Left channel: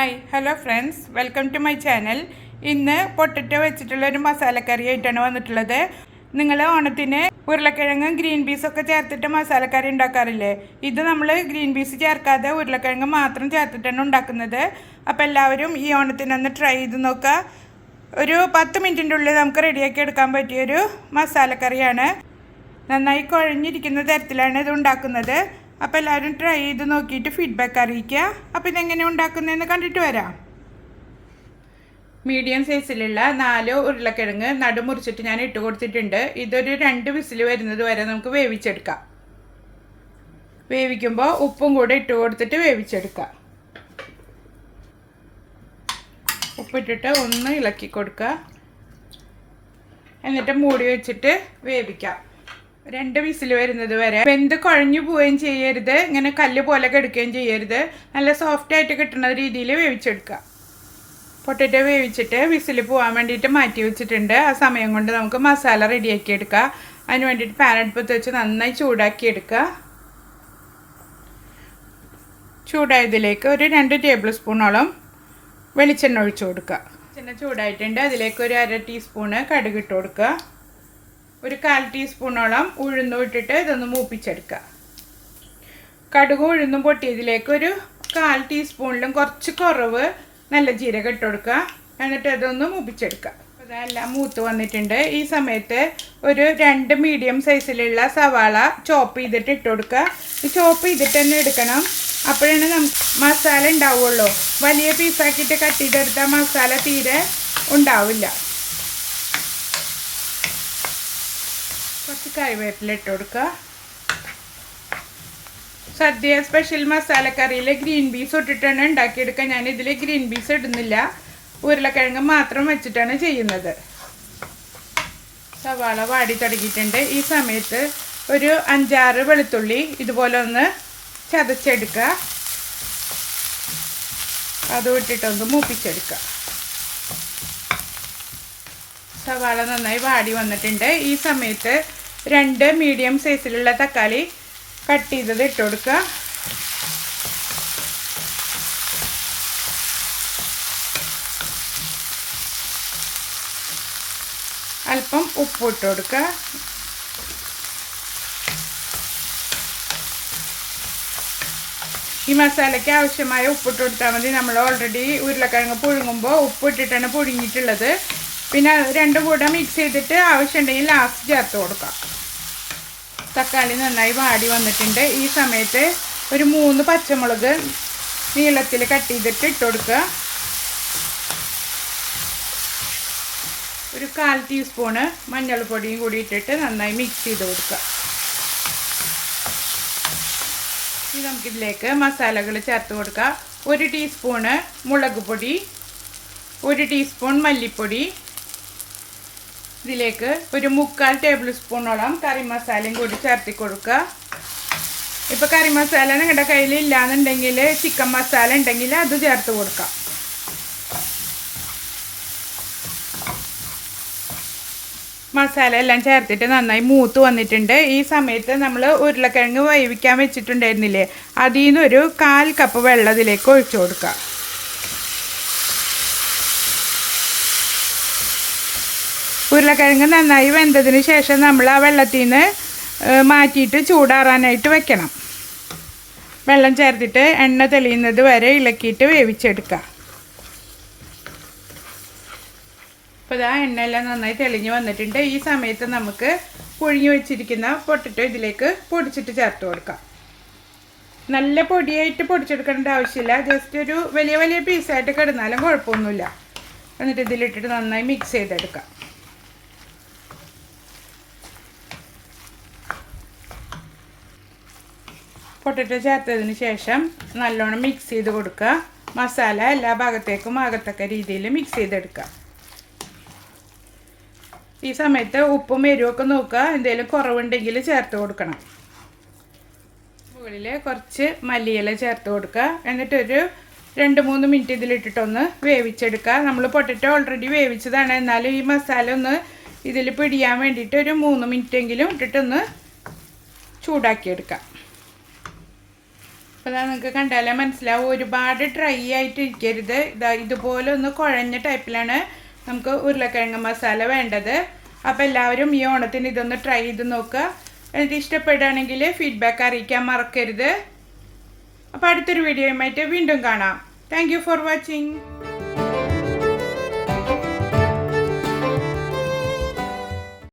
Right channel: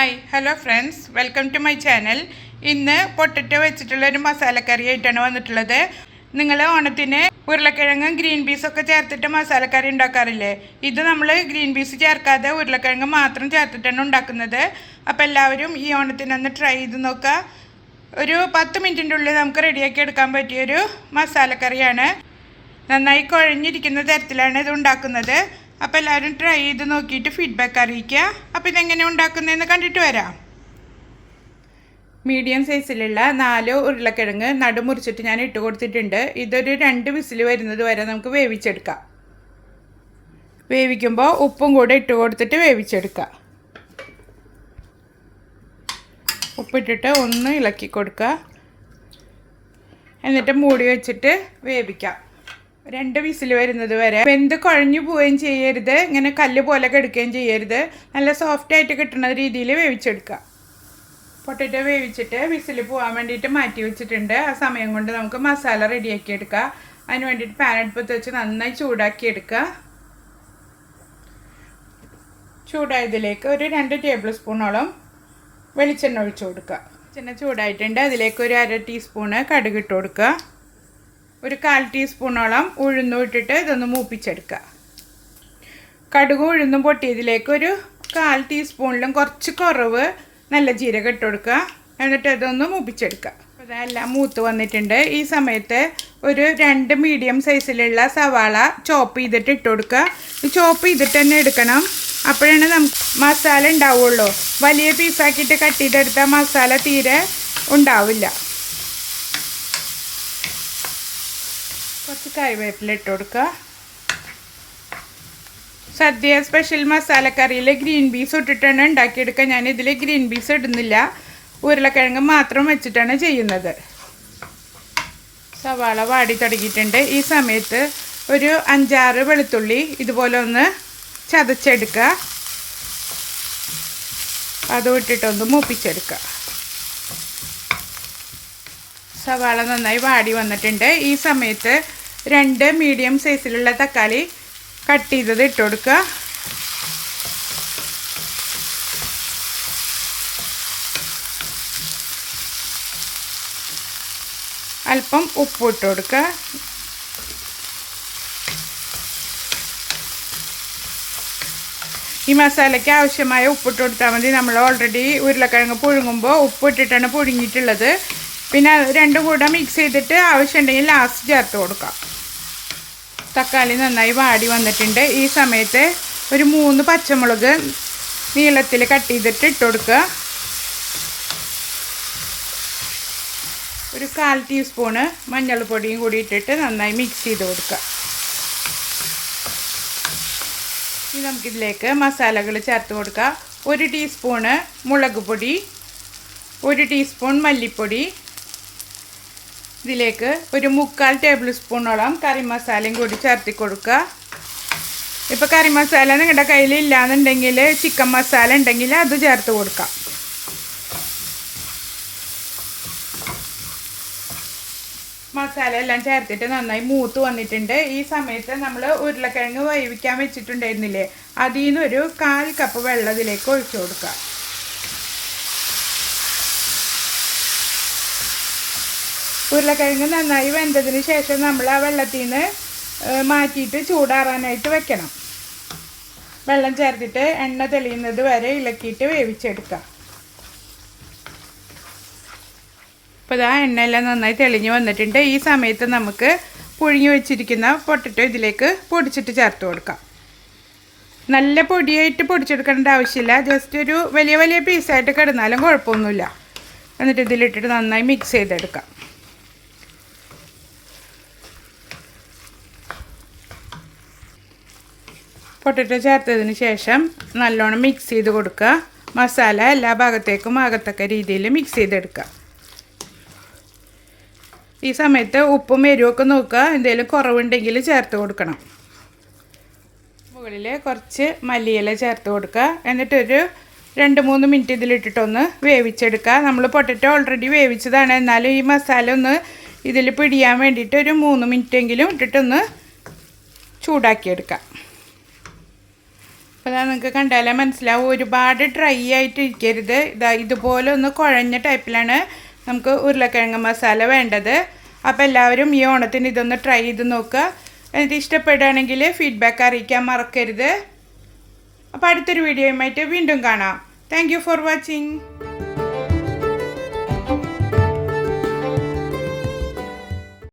Hi hello friends. Welcome to my channel. ഇന്ന് potato വെച്ചിട്ടുള്ള ഒരു മസാലക്കറി ആയിട്ടാണ് വന്നിട്ടുള്ളത്. നിങ്ങൾ ഓണത്തിന് ഉരുളക്കിഴങ്ങും ഗ്രീൻ പീസും ഒക്കെ ചേർത്തിട്ട് മസാലക്കറി ഉണ്ടാക്കാറില്ലേ? ഇത് നമ്മൾ ഗ്രീൻ പീസ് ചേർക്കാതെ ഉരുളക്കിഴങ്ങ് മാത്രം ചേർത്തിട്ടാണ് ഉണ്ടാക്കുന്നത്. അപ്പോൾ എല്ലാവരും ഈ ഓണത്തിനൊന്ന് ട്രൈ ചെയ്ത് നോക്കുക ഒരു പത്ത് മിനിറ്റിന്റെ ഉള്ളിൽ നമുക്ക് റെഡിയാക്കി എടുക്കാൻ പറ്റിയൊരു മസാലക്കറിയാണ്. നന്നായി കുഴഞ്ഞിരിക്കുന്ന തരത്തിലാണ് ഇത് ഉണ്ടാക്കുന്നത്. അപ്പോൾ എല്ലാവരും ട്രൈ ചെയ്ത് നോക്കിയിട്ട് ഫീഡ്ബാക്ക് അറിയിക്കുക. അപ്പോൾ ഇതെങ്ങനെ ഉണ്ടാക്കുന്നതെന്ന് കണ്ടിട്ട് വരാം. മീഡിയം സൈസിലുള്ള നാല് ഉരുളക്കിഴങ്ങ് നടുമുറിച്ചിട്ട് ഞാൻ ഇട്ട് കൊടുത്തിട്ടുണ്ട്. ഇതൊരു രണ്ട് വിസിൽ വരുന്നത് വരെ നമുക്ക് വേവിച്ചെടുക്കാം. വേവിക്കുമ്പോൾ ഉപ്പും കൂടെ ഇട്ട് കൊടുത്തിട്ട് വേവിച്ചെടുക്കാം. ഉപ്പിട്ടിട്ട് ഒന്ന് ഇളക്കി കൊടുക്കുക. എന്നിട്ട് മൂടി വെച്ചിട്ട് വേവിക്കാം. രണ്ട് വിസിൽ വരുന്നത് വരെ. വെന്ത് കുഴഞ്ഞു പോവുകയും ചെയ്യരുത്. ഇങ്ങനെ കല്ല് പോലെ കെടുക്കുകയും ചെയ്യരുത്. നല്ല സോഫ്റ്റ് ആയിട്ട് കിട്ടുന്ന രീതിയിൽ വേവിച്ചെടുക്കുക. പൊട്ടറ്റോ വേവിച്ചിട്ട് വിസിൽ പോകാൻ വേണ്ടിയിട്ട് മാറ്റി വെച്ചിട്ടുണ്ട്. ആ സമയം കൊണ്ട് നമുക്ക് മസാല റെഡിയാക്കി എടുക്കുക അതിന് വേണ്ടിയിട്ട് പാൻ അടുപ്പത്ത് വെച്ച് നന്നായി ചൂടാക്കി എടുക്കുക. ചൂടായതിലേക്ക് ഒരു രണ്ട് ടേബിൾ സ്പൂണോളം വെളിച്ചെണ്ണ ഒഴിച്ചു കൊടുക്കുക. വെളിച്ചെണ്ണ ചൂടായിട്ടുണ്ട്. അതിലേക്ക് ഒരു അര ടീസ്പൂണ് കടുക് ഇട്ട് കൊടുക്കുക. ഒരു കാൽ ടീസ്പൂണോളം ഉഴുന്നും ഇട്ടിട്ട് ഇതൊന്ന് മൂപ്പിച്ചെടുക്കുക. കടുകും ഉഴുന്നും പൊട്ടിയതിലേക്ക് ഒരു കാൽ ടീസ്പൂണിലും കുറച്ച് കുറവ് നല്ല ജീരകം ഇട്ട് കൊടുക്കുക. എന്നിട്ട് അതൊന്ന് മൂപ്പിച്ചെടുക്കുക. അതെല്ലാം മൂത്ത് വന്നിട്ടുണ്ട്. ഈ സമയത്ത് ഒരു രണ്ട് മീഡിയം സൈസിലുള്ള സവാള ചോപ്പ് ചെയ്തിട്ട് ഇട്ട് കൊടുക്കുക. ഈ ചോപ്പ് ചെയ്തിട്ട് തന്നെ എടുക്കണം. അപ്പോഴാണ് നമുക്ക് മസാല ഉണ്ടാവുള്ളൂ. വലിയ പീസാക്കിയിട്ട് കട്ടിയിട്ടെടുത്താൽ മസാല തീരെ ഉണ്ടാവില്ല. കുറച്ച് കറിവേപ്പില ഇട്ട് കൊടുക്കുക. സദ്യ സ്പെഷ്യൽ മസാലക്കറിയിൽ ഗ്രീൻ പീസ് ഇട്ടിട്ടാണ് ഉണ്ടാക്കിയെടുക്കുക. ഞാൻ ഇതിൽ ഗ്രീൻ പീസ് ഇടുന്നില്ല. ഉരുളക്കിഴങ്ങ് മാത്രം വെച്ചിട്ടാണ് ചെയ്യുന്നത്. സവാള വാടി തുടങ്ങിയിട്ടുണ്ട്. ഈ സമയത്ത് ഒരു അഞ്ചാറ് വെളുത്തുള്ളി ഇതുപോലെ ഒന്ന് ചതച്ചെടുക്കുക. അതും ഇട്ടിട്ടൊന്ന് മൂപ്പിച്ചെടുക്കുക. സവാള നന്നായി വാടി വന്നിട്ടുണ്ട്. ഈ സമയത്ത് രണ്ട് മീഡിയം സൈസിലുള്ള തക്കാളി കട്ട് ചെയ്തത് ഇട്ട് കൊടുക്കുക. അല്പം ഉപ്പ് ഇട്ട് കൊടുക്കുക. ഈ മസാലയ്ക്ക് ആവശ്യമായ ഉപ്പിട്ട് കൊടുത്താൽ മതി. നമ്മൾ ഓൾറെഡി ഉരുളക്കിഴങ്ങ് പുഴുങ്ങുമ്പോൾ ഉപ്പിട്ടിട്ടാണ് പുഴുങ്ങിയിട്ടുള്ളത്. പിന്നെ രണ്ടും കൂടെ മിക്സ് ചെയ്തിട്ട് ആവശ്യമുണ്ടെങ്കിൽ ലാസ്റ്റ് ചേർത്ത് കൊടുക്കാം. തക്കാളി നന്നായി വാടി വന്നിട്ടുണ്ട്. ഈ സമയത്ത് ഒരു മൂന്ന് പച്ചമുളക് നീളത്തിൽ കട്ട് ചെയ്തിട്ട് ഇട്ട് കൊടുക്കുക. ഒരു കാൽ ടീസ്പൂണ് മഞ്ഞൾപ്പൊടിയും കൂടി ഇട്ടിട്ട് നന്നായി മിക്സ് ചെയ്ത് കൊടുക്കുക. ഇനി നമുക്കിതിലേക്ക് മസാലകൾ ചേർത്ത് കൊടുക്കുക ഒരു ടീസ്പൂണ് മുളക് പൊടി ഒരു ടീസ്പൂൺ മല്ലിപ്പൊടി ഇതിലേക്ക് ഒരു മുക്കാൽ ടേബിൾ സ്പൂണോളം കറി മസാലയും കൂടി ചേർത്തി കൊടുക്കുക. ഇപ്പോൾ കറി മസാല നിങ്ങളുടെ കയ്യിൽ ഇല്ലാന്നുണ്ടെങ്കിൽ ചിക്കൻ മസാല ഉണ്ടെങ്കിൽ അത് ചേർത്ത് കൊടുക്കാം. മസാല എല്ലാം ചേർത്തിട്ട് നന്നായി മൂത്ത് വന്നിട്ടുണ്ട്. ഈ സമയത്ത് നമ്മൾ ഉരുളക്കിഴങ്ങ് വേവിക്കാൻ വെച്ചിട്ടുണ്ടായിരുന്നില്ലേ? അതിൽ നിന്നൊരു കാൽ കപ്പ് വെള്ളത്തിലേക്ക് ഒഴിച്ചു കൊടുക്കുക ഉരുളക്കിഴങ്ങ് നന്നായി വെന്തതിന് ശേഷം നമ്മൾ ആ വെള്ളത്തിൽ നിന്ന് മാറ്റിയിട്ട് ചൂടാറാനായിട്ട് വെക്കണം. വെള്ളം ചേർത്തിട്ട് എണ്ണ തെളിയുന്നത് വരെ ഇളക്കിയിട്ട് വേവിച്ചെടുക്കാം. അപ്പോൾ ആ എണ്ണയെല്ലാം നന്നായി തെളിഞ്ഞ് വന്നിട്ടുണ്ട്. ഈ സമയത്ത് നമുക്ക് പുഴുങ്ങി വെച്ചിരിക്കുന്ന പൊട്ടിട്ട് ഇതിലേക്ക് പൊടിച്ചിട്ട് ചേർത്ത് കൊടുക്കാം. നല്ല പൊടിയായിട്ട് പൊടിച്ചെടുക്കേണ്ട ആവശ്യമില്ല. ജസ്റ്റ് ഒരു വലിയ വലിയ പീസായിട്ട് കിടന്നാലും കുഴപ്പമൊന്നുമില്ല. എന്നിട്ട് ഇതിലിട്ടിട്ട് നന്നായി മിക്സ് ചെയ്തെടുക്കാം. പൊട്ടറ്റോ ചേർത്തതിന് ശേഷം നല്ലോണം മിക്സ് ചെയ്ത് കൊടുക്കുക. മസാല എല്ലാ ഭാഗത്തേക്കും ആകത്തക്ക രീതിയിൽ മിക്സ് ചെയ്തെടുക്കുക. ഈ സമയത്ത് ഉപ്പും എരിവൊക്കെ നോക്കുക. എന്തെങ്കിലും കുറവുണ്ടെങ്കിൽ ചേർത്ത് കൊടുക്കണം. മുകളിൽ കുറച്ച് മല്ലിയില ചേർത്ത് കൊടുക്കുക. എന്നിട്ടൊരു രണ്ട് മൂന്ന് മിനിറ്റ് ഇതിലിട്ടിട്ടൊന്ന് വേവിച്ചെടുക്കുക. നമ്മൾ പൊട്ടറ്റോ ഓൾറെഡി വേവിച്ചതാണ്. എന്നാലും ഈ മസാല ഒന്ന് ഇതിൽ പിടിയാൻ വേണ്ടിയിട്ട് ഒരു മൂന്ന് മിനിറ്റെങ്കിലും ഇട്ടിട്ടൊന്ന് ചൂടാക്കിയെടുക്കാം അപ്പോൾ നിങ്ങൾക്ക് കണ്ടാലേ മനസ്സിലാവും. ഒരുപാട് ഡ്രൈ ആയിട്ട് ഇരിക്കരുത് ഇതാ ഇതുപോലെ ഒന്ന് കുഴഞ്ഞ ടൈപ്പിലാണ് നമുക്ക് ഉരുളക്കിഴങ്ങ് മസാല വേണ്ടത്. അപ്പോൾ എല്ലാവരും ഈ ഓണത്തിന് ഇതൊന്ന് ട്രൈ ചെയ്ത് നോക്കുക. എന്നിട്ട് ഇഷ്ടപ്പെടുകയാണെങ്കിൽ ഫീഡ്ബാക്ക് അറിയിക്കാൻ മറക്കരുത്. അപ്പോൾ അടുത്തൊരു വീഡിയോയുമായിട്ട് വീണ്ടും കാണാം. Thank for watching